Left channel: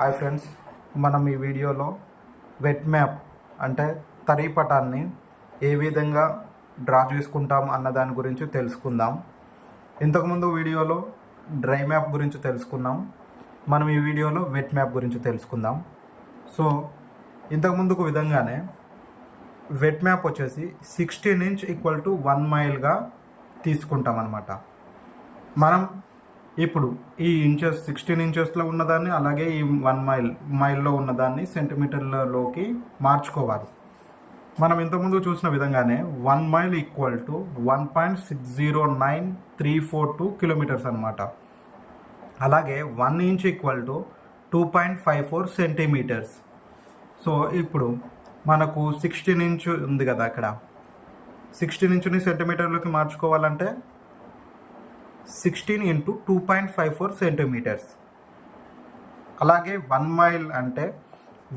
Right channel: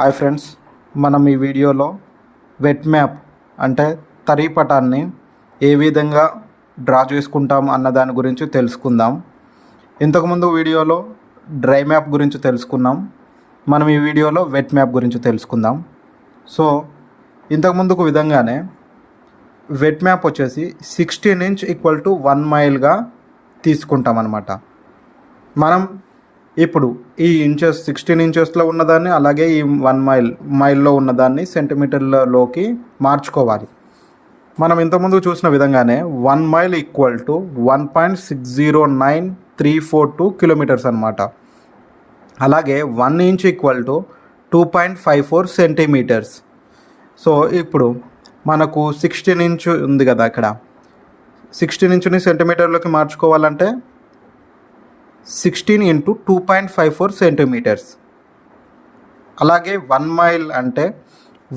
Hi friends, మనం ఈ వీడియోలో వెట్ మ్యాప్ అంటే తరీ పటాన్ని ఏ విధంగా డ్రా చేసుకుంటాం అన్న దాని గురించి తెలుసుకుందాం. ఇంతకుముందు వీడియోలో డ్రై మ్యాప్ గురించి తెలుసుకున్నాం. మనం ఈ వీడియోలో వెట్ మ్యాప్ గురించి తెలుసుకుందాం. సో ఇంతకుముందుకు విధంగానే వెట్ మ్యాప్ వచ్చేసి 16 ఇంచ్ ఈక్వల్ టు 1 మైల్గా తీసుకుంటాం అన్నమాట. మనం ఇప్పుడు ఈ ఇంచెస్ 16 ఇంచెస్లో ఉన్నదాన్ని అలాగే ఈ 1 మైల్లో ఉన్నదాన్ని సెంటీమీటర్లలోకి మార్చుకోవాలి. మనం ఇంతకుముందు చూసిన విధంగానే 1 మైల్ ఈక్వల్ టు 1.609342 కిలోమీటర్స్ అనమాట. అలాగే 1 inch equal to 2.54 centimetres. So ఇప్పుడు మనకు 16 ఇంచ్ ఉంది కదా, అక్కడ 16 ఇంచుని సెంటీమీటర్లోకి మార్చుకోవాలంటే 16 ఇంటూ 2.54 సెంటీమీటర్స్. అలాగే 1 మైల్ అంటే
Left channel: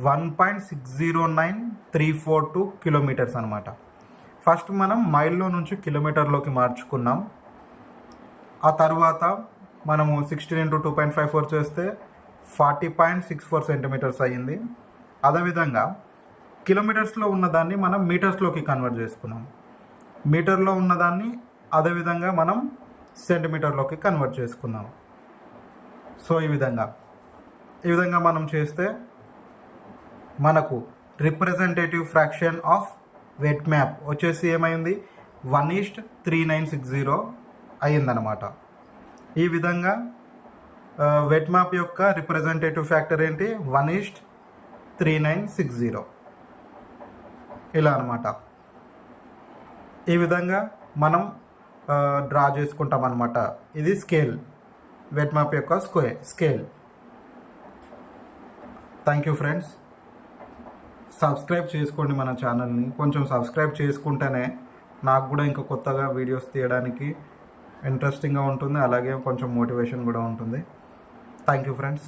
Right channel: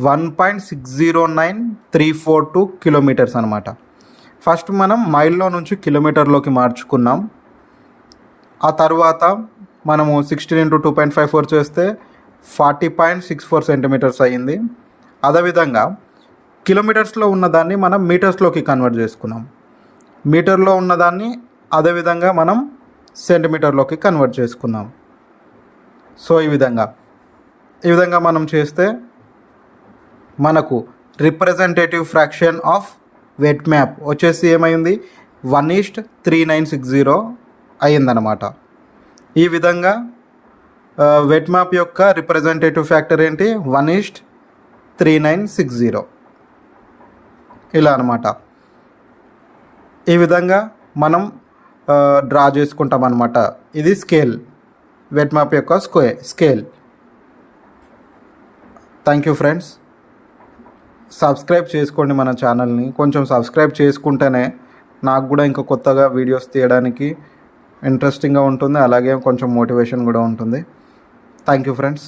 1.609342 కిలోమీటర్స్ అనమాట. ఫస్ట్ మనం మైల్లో నుంచి కిలోమీటర్లోకి మార్చుకున్నాం. ఆ తర్వాత మనము 16 ఇంటూ 2.54 చేస్తే 40.64 సెంటీమీటర్స్ అయ్యింది. అదేవిధంగా కిలోమీటర్స్లో ఉన్నదాన్ని మనం మీటర్స్లోకి కన్వర్ట్ చేసుకున్నాం. మీటర్లో ఉన్నదాన్ని అదేవిధంగా మనం సెంటీమీటర్లోకి కన్వర్ట్ చేసుకుందాం. సో ఈ విధంగా మనం చేస్తే మనకు representative fraction of wet map వచ్చేసి ఏమైంది, 1:3960 అయ్యిందనమాట. ఈ విధంగా వెట్ మ్యాప్ యొక్క రిప్రజెంటేటివ్ ఫ్యాక్టర్ ఏంటి, 1:3960 ఇలా అనమాట. ఈ విధంగా మనం డ్రా చేసుకుంటాం అనమాట. ఇది స్కేల్, వెట్ మ్యాప్ యొక్క scale. Thank you friends. Subscribe చేసుకోండి మన ఛానల్ని. కొంచెం సబ్స్క్రైబ్ చేసుకుంటేనే నాకు కూడా ఇంకా కొత్తగా వీడియోస్ తీయడానికి ఇంట్రెస్టింగ్గా ఉంటుంది, అలాగే కొంచెం మోటివేషన్ కూడా ఉంటుంది. Thank you friends.